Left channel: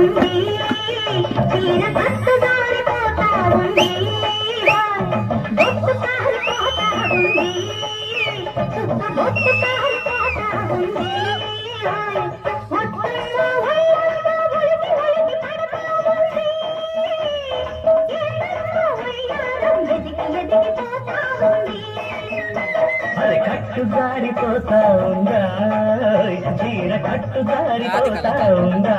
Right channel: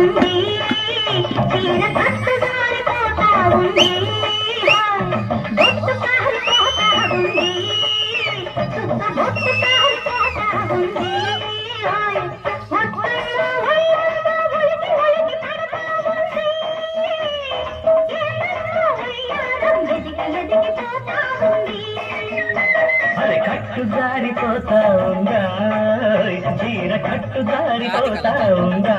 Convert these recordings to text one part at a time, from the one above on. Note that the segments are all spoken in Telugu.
ఉంది తీర కట్టు జారిపోతా ఉంది బొట్టు కారిపోతా ఉంది సుక్క బొట్టు కారిపోతా ఉంది అరే కట్టు జారిపోతా ఉందా చీర కట్టు జారిపోతా ఉందా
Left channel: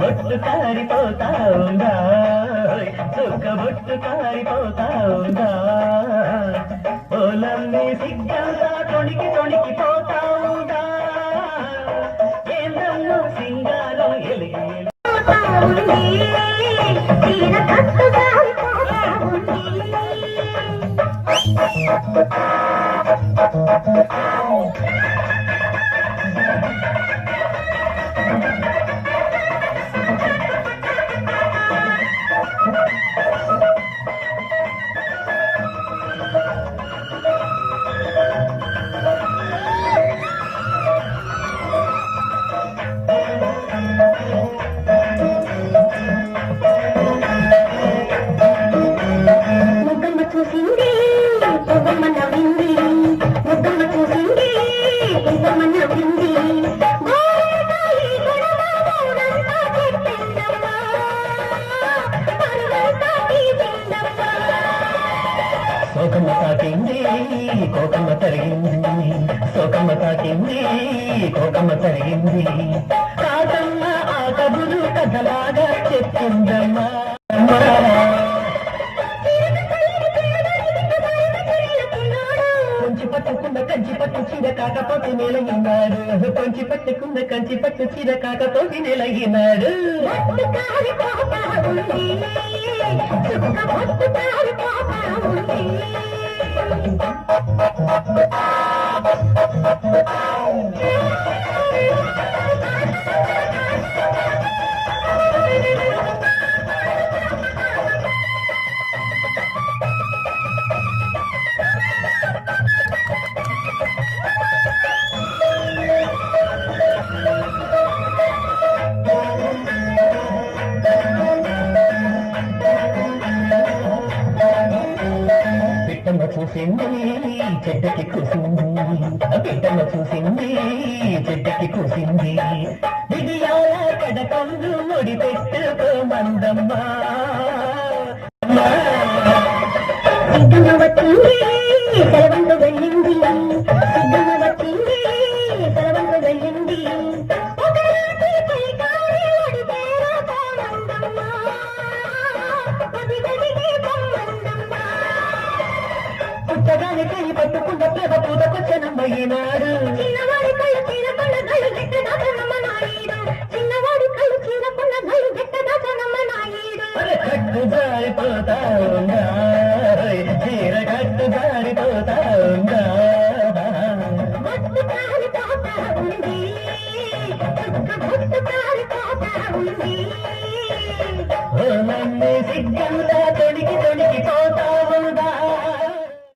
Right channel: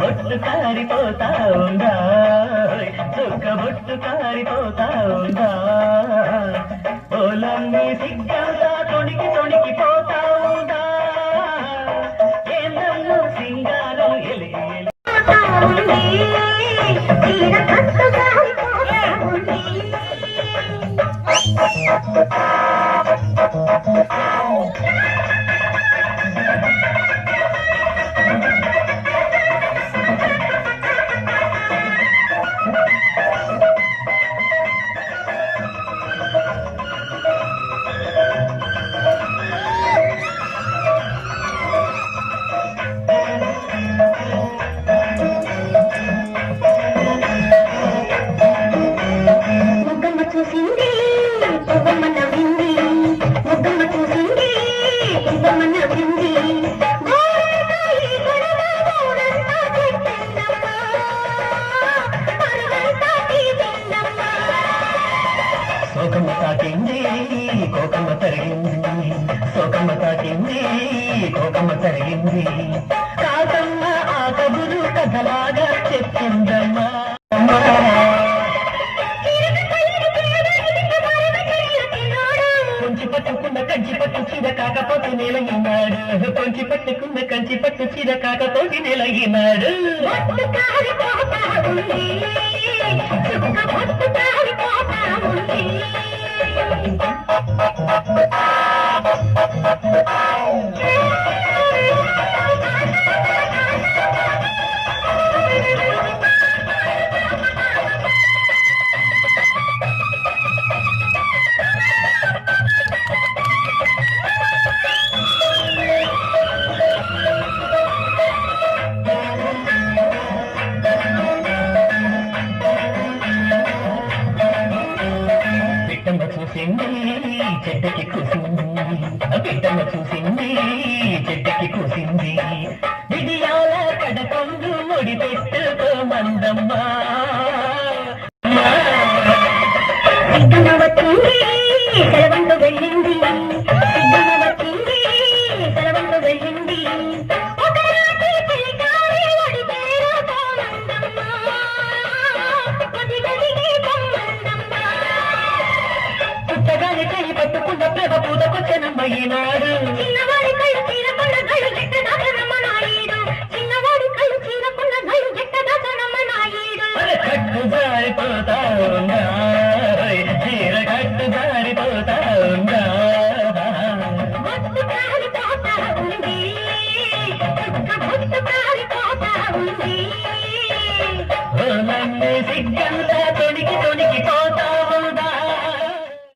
బొట్టు కారిపోతా ఉందా చుక్క బొట్టు కారిపోతా ఉందా ఓలమ్మి సిగ్గంతా తొణికి తొణికిపోతా ఉందా ఏందమ్మో సింగారం ఎలిగి తీర కట్టు జారిపోతా ఉంది ముగ్గమ్మ చూసింది ముగ్గమ్మ నవ్వింది ముగ్గమ్మ చూసింది ముగ్గమ్మ నవ్వింది సోకమ్మ తాకింది కోకమ్మ తరిగింది సోకమ్మ తాకింది కోకమ్మ తరిగింది కాకమ్మ ఆ కబురు కథలాగా చెప్పిందమ్మా కొంచి పట్టుకున్న కంచి పట్టు చీర కాకపోతే నెలగినాడు కొంచి పట్టుకున్న కంచి పట్టు చీర కాకపోతే నెలగినాడు బిడ్డమ్మ చూసింది చెడ్డకి కూసింది బిడ్డమ్మ చూసింది చెడ్డకి కూసింది విడియాల కడకందు ముడి పెట్టుకో మందమ్మ సిద్ధమ్మ వచ్చింది సెలవంటు వెళ్ళింది సిద్ధమ్మ వచ్చింది సెలవంటు వెళ్ళింది పుట్టగానే కై పట్టుకున్న ప్రేమ పూతకొచ్చనమ్మ ఈనాడు చిన్నవాడి కళ్ళు చీరకున్న గళ్ళు గెట్టదాచనమ్మ నాయుడు చిన్నవాడి కళ్ళు చీరకున్న గళ్ళు గెట్టదాచనమ్మ నాయుడు కట్టు జారిపోతా ఉందా చీర కట్టు జారిపోతా ఉందా బొట్టు కారిపోతా ఉంది బొట్టు కారిపోతా ఉంది ఓ నన్ను సిగ్గంతా